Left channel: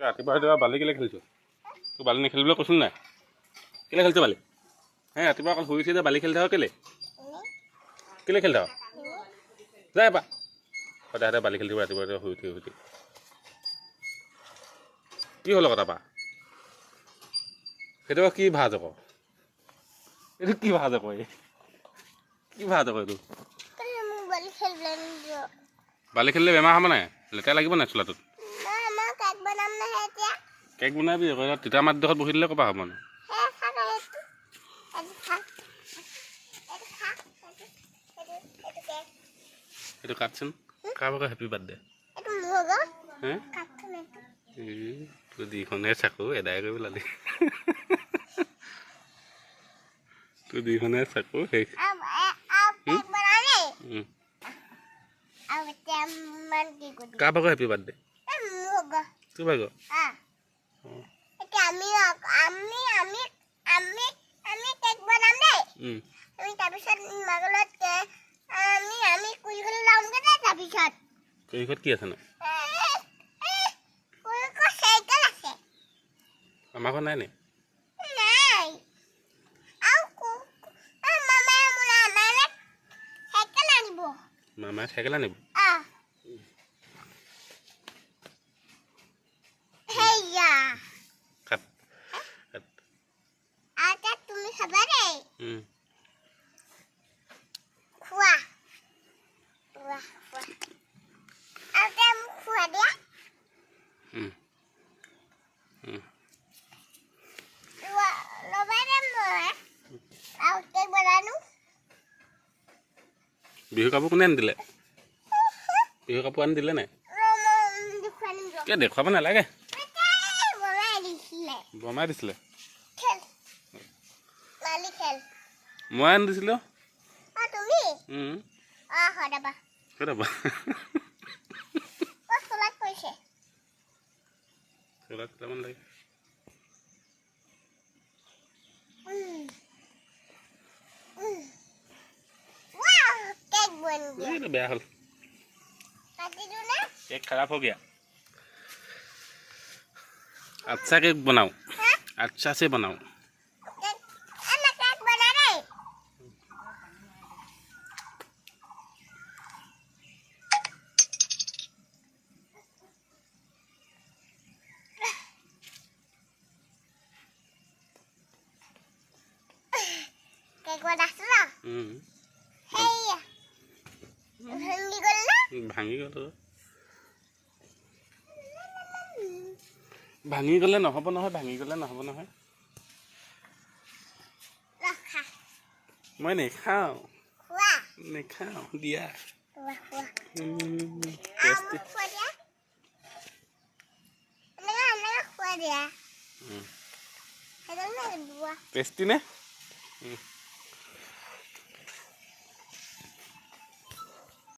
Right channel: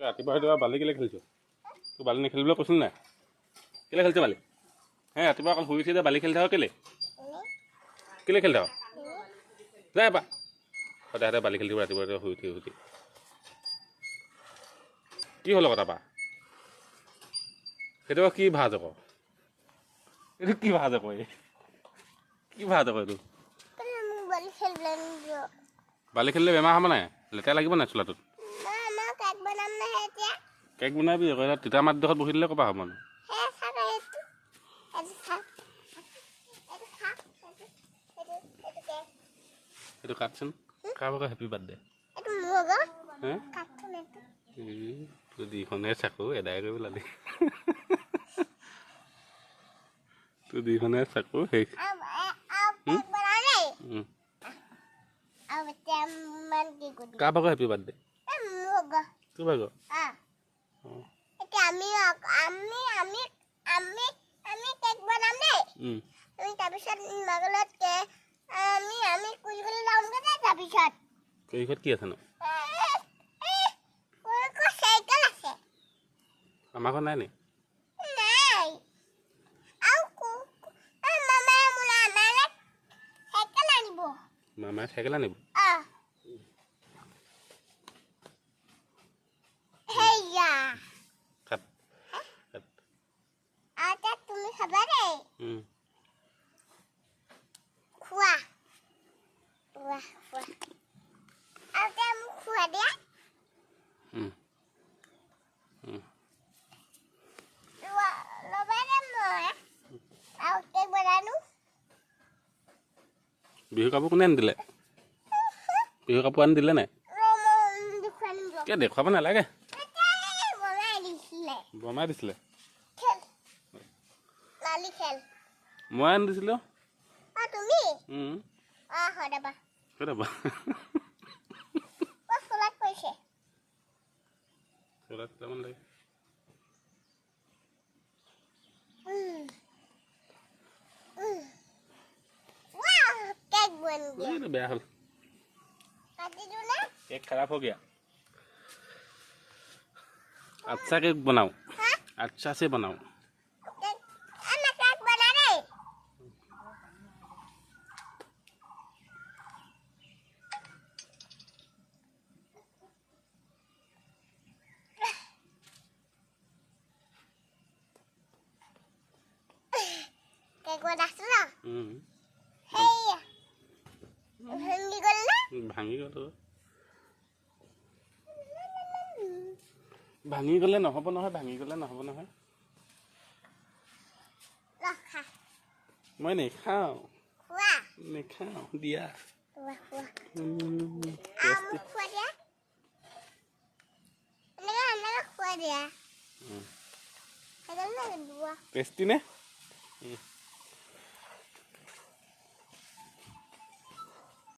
ৰাতিপুৱা বালি কেলে খেলিছ? তোৰ বালি নেখেলিবলৈ কৈছিল নাই? কেলে খেলিছ বালি? হে ৰাতিপুৱা অকল শুই উঠি যে বালি খেলি থাক কেলে? কেলে খেলি থাক? যায় এপা সদায় বালি খেলি থাক ৰাতিপুৱা শুই উঠি। কি হ'ল আকৌ তাৰপা? সেইটো কি ভাজ আকৌ? এইটো কি ভাজ আকৌ? কি ভাজ আকৌ এইটো? বালি খেলিলে বেমাৰ হ'ব নাই? লেতেৰা লাগিব নাই চোলাটোত? কেক বনাবি আকৌ তিতা মাটিডোখৰত বহি দিলে ক'পা হ'ব মানে? এইটো কাটচোন কাৰোবাৰ আকৌ হেপী বাৰ্থডে। হে তোৰ দুইখনে চাকু এদাই কৰিব লালি। তোৰ দুইখনে চাকু শেষ। কাৰোবাৰ আকৌ হেপী বাৰ্থডে? তোৰ ভাগৰ? কেকত কি আছে নো? আমাৰ ঘৰত নাই নি? মামাই চাইকেল আনিব? তুমি খাবা দেই। খোৱা খোৱা দিয়া। বিহু কাপোৰ কোনে আনি দিলে? বিহু কাপোৰ আনি দিলে নাই? কিয় দেখুৱাব নালাগে? বমাই দিছিলে? মই আনি দিছিলোঁ। বেয়া হ'ল केक खराब हो गया। अच्छा केक बनाओ, अच्छा से बनाओ। ভাঙি গ'লে নহ'ব নহয়, ভাঙি গ'লে নহ'ব নহয়। মই নেখাওঁ দিয়া। টেষ্টি নে?